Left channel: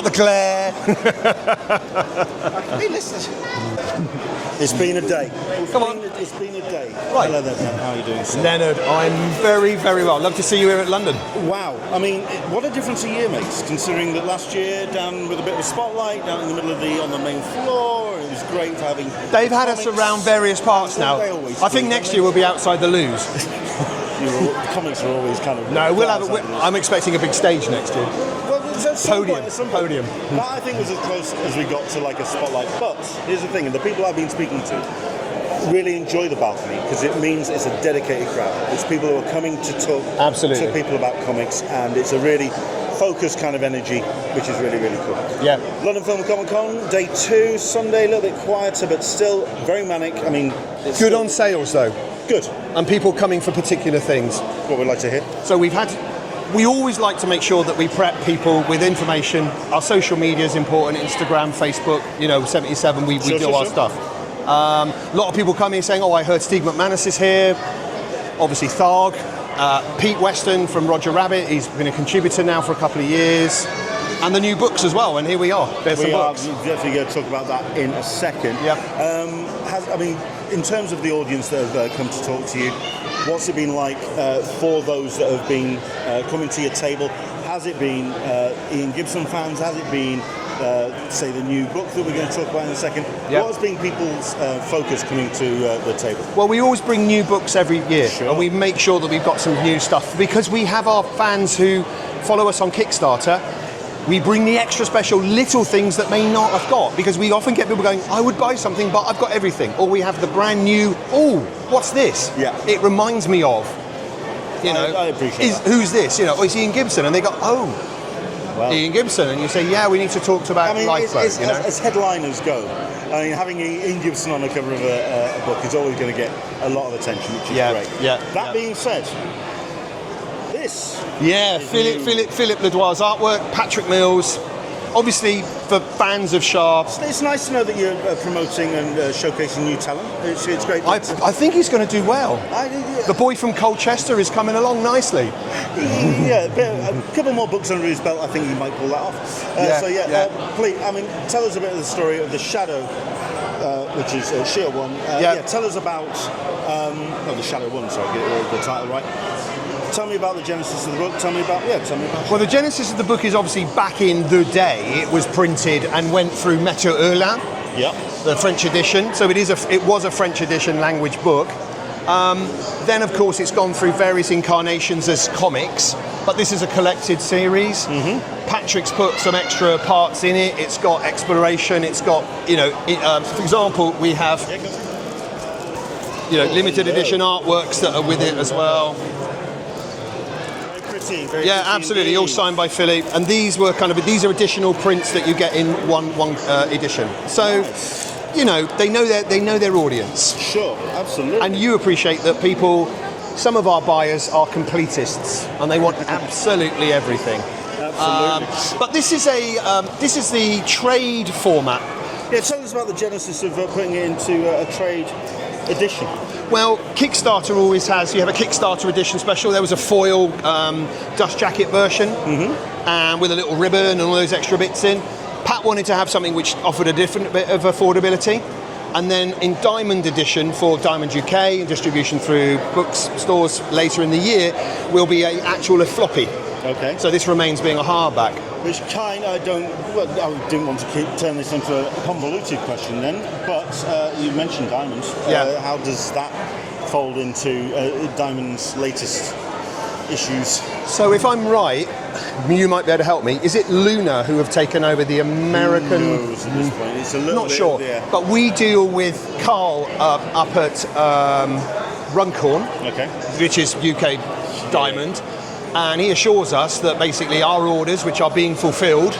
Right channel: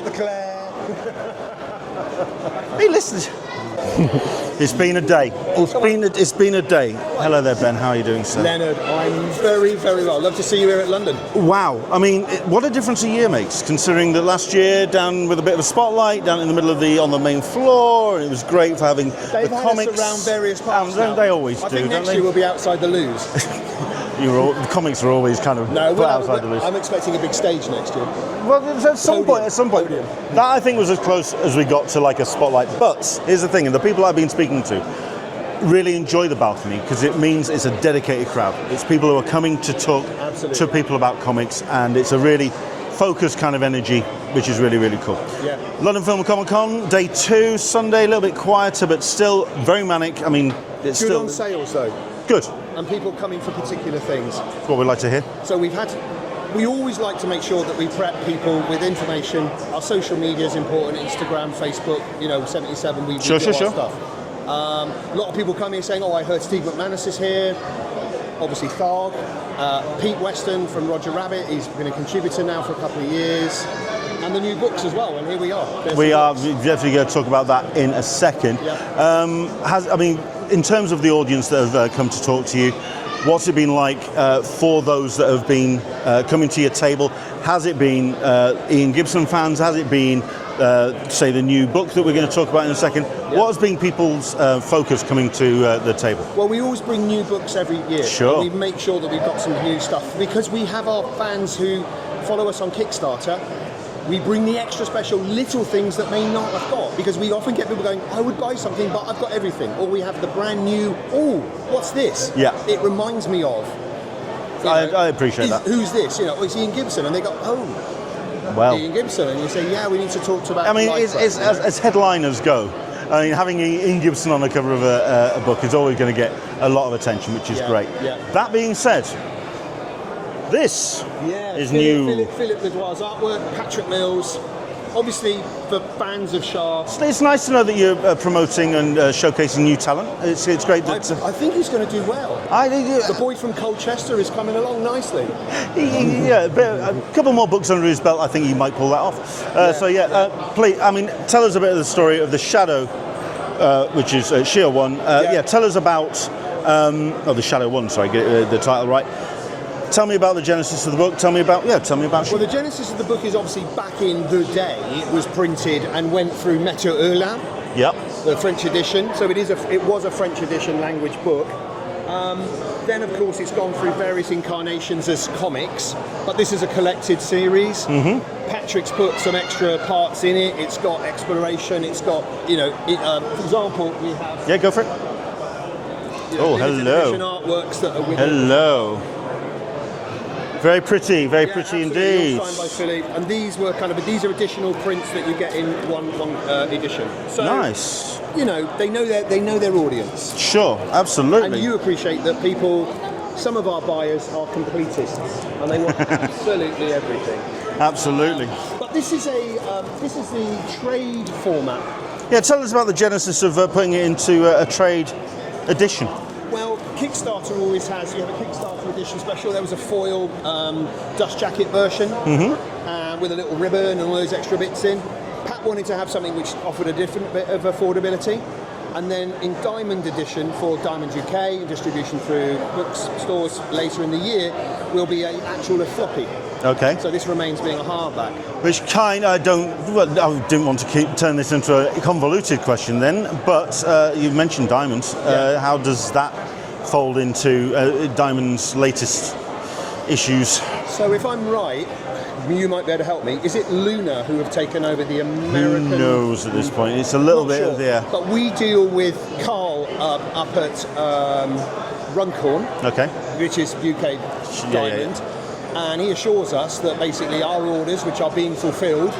got the glare. Hey, listen. It's been a day. It's been a day. Right. Hello there, Ben. How are you doing, sir? Leonard, I'm very, very well. Love to see you here at London. Wow. I mean, what a difference a year makes, considering that last year, down with a bit of a spotlight, down in the middle of on the main floor, it was great for having They've had us around various parts now. They always I think next year we'll be outside the loos. The comics are always kind of... No, I'm expecting a big stage next year. Well, at some point. That, I think, was as close as we got to like a spotlight. But here's the thing, and the people I've been speaking to really enjoy the balcony because it means it's a dedicated crowd. It's people who are coming to talk to people about comics, and it's a really focused kind of energy, which is really, really cool. Yeah. London Film Comic Con, day 2, Sunday, a little bit quieter, but still very manic. I mean, it's good on sales, though. Good. And people coming for particular things. What we'd like to hear. So we always like to make sure that we prep people with information. Our social media is important, Instagram, Facebook, 77, we do our stuff. A lot of people coming saying, I heard Steve McManus is here. Obviously Tharg. Pete Weston from Roger Rabbit, he's been a contributor now for a couple of years. And the new books as well, and here we are. We are definitely going to talk about that in a second. Yep. In terms of the audience that have come to talk to you, what's it been like for those that have been coming to your table? Has it been Ian Gibson fans? Has it been, say, the new book that we're going to talk about in a second? Yep. What has been people's focus coming to the table? Well, we always bring new books every year. Sure. And we make sure that we've got some new stuff because we have our fans who follow us on Kickstarter. We bring the extra special little things that may not have got, because we often get people going, I would buy something, but I've got everything. Or we have the brand new, what's this? Yeah. It reminds me of. I appreciate that. Who's this? It's Ian Gibson. And they go, well, Ian Gibson. And you say, yeah, we need to talk about as headliners go, having Ian Gibson on the cover of a book is always going to get a lot of attention, which is great. Yeah. That being said, this is Philip Ledoir's artwork, Patrick Mills. Obviously, for fans of Sharp. It's nice to know that you're promoting and showcasing new talent. It's great. I think he's going to do well. The boy from Colchester is coming along nicely. A couple more books under his belt, I think he might pull that off. Please, tell us a bit of the story of The Shadow, which is Shield 1. Tell us about The Shadow 1, sorry, get the title right. Tell me about the genesis of the book. Tell me about. Well, the genesis of the book is obviously back in the day. It was printed and went through Maître Hulin, the French edition. So it was a French edition language book. Then, of course, it's gone through various incarnations as comics. But this is a collected series. Mm-hmm. Patrick's put some extra parts in it. It's got exploration. It's got, for example, we have. Yeah, go for it. Limited edition artworks that are with it as well. Very pretty, very pretty absolutely. Indeed. All signed by Philip. And these are additional prints that you get in one edition. So, nice. they know their audience. Sure, absolutely. And you appreciate that some of our buyers are completists, and they want absolutely everything. Absolutely. But this is the trade format. Yeah, tell us about the genesis of putting it into a trade edition. Well, Kickstarter always has. You have a Kickstarter edition special. There was a foil dust jacket version, and with a little ribbon and all those extra bits in. Pat wanted to have something which offered a different bit of affordability. And then in Diamond edition for Diamond UK and distribution through bookstores later in the year will be a floppy. Okay. So this remains being a hardback. Which I didn't want to turn this into a convoluted question then, but you mentioned Diamond. How does that fold into Diamond's latest issues? So if I'm right, you might be able to help me. Is it Luna who have taken over the American? Who knows at this point? It's a little bit sure. of the... But we deal with Carl up at Runcorn, which is UK Diamond. Yeah. And he assures us that basically our orders, which are being fulfilled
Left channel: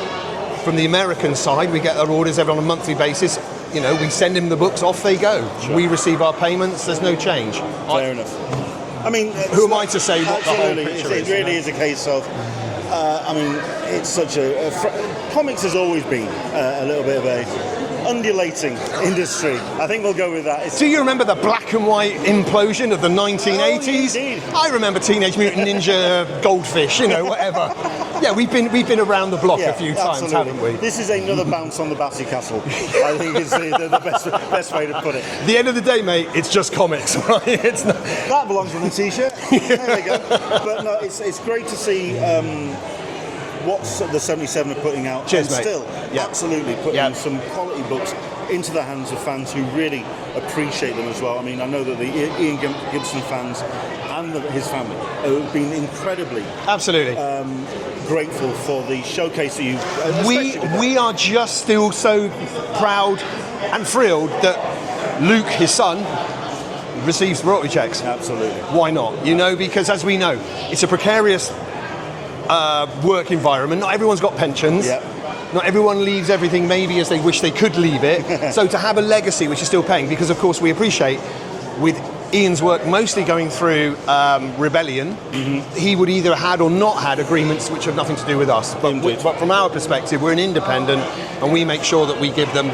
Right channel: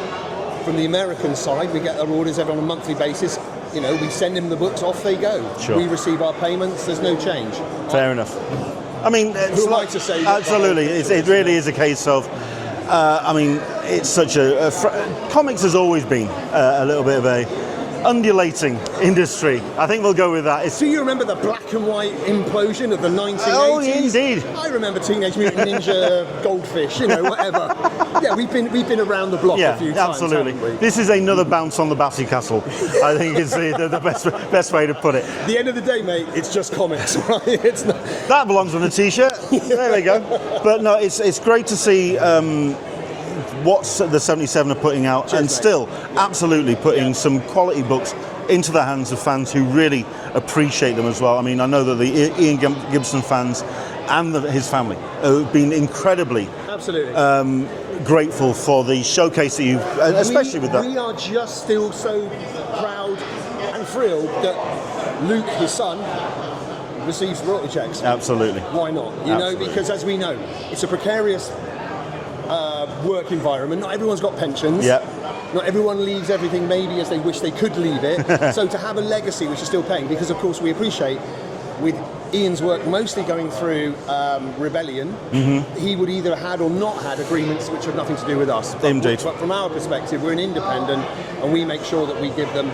from the American side, we get our orders on a monthly basis. We send him the books, off they go. Sure. We receive our payments, there's no change. Fair enough. Who am I to say? Absolutely, it really is a case of, it's such comics has always been a little bit of undulating industry. I think we'll go with that. Do you remember the black and white implosion of the 1980s? Oh, indeed. I remember Teenage Mutant Ninja Goldfish, whatever. Yeah, we've been around the block a few times, absolutely. haven't we? This is another bounce on the Bassy Castle. I think is the best way to put it. At the end of the day, mate, it's just comics, right? It's not... That belongs on a t-shirt. There we go. But no, it's great to see what the 77 are putting out. Cheers, and mate. still absolutely putting some quality books into the hands of fans who really appreciate them as well. I mean, I know that the Ian Gibson fans and his family have been incredibly grateful for the showcase that you've, especially with that. We are just still so proud and thrilled that Luke, his son, receives royalty checks. Absolutely. Why not? You know, because as we know, it's a precarious work environment. Not everyone's got pensions. Yep. Not everyone leaves everything maybe as they wish they could leave it. So to have a legacy which is still paying, because of course we appreciate with Ian's work mostly going through Rebellion, he would either had or not had agreements which have nothing to do with us. Indeed. But from our perspective, we're an independent and we make sure that we give them,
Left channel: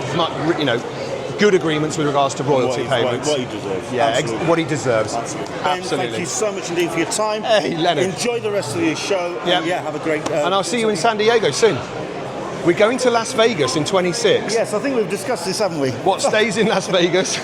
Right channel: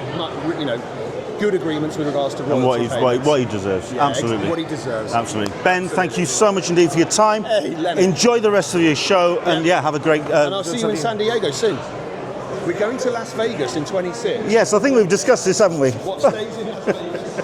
good agreements with regards to royalty payments. What he deserves. Yeah, absolutely. what he deserves. Absolutely. Ben, thank you so much indeed for your time. Hey, Leonard. Enjoy the rest of your show, and have a great... and I'll see you in San Diego soon. We're going to Las Vegas in 26. Yes, I think we've discussed this, haven't we? What stays in Las Vegas?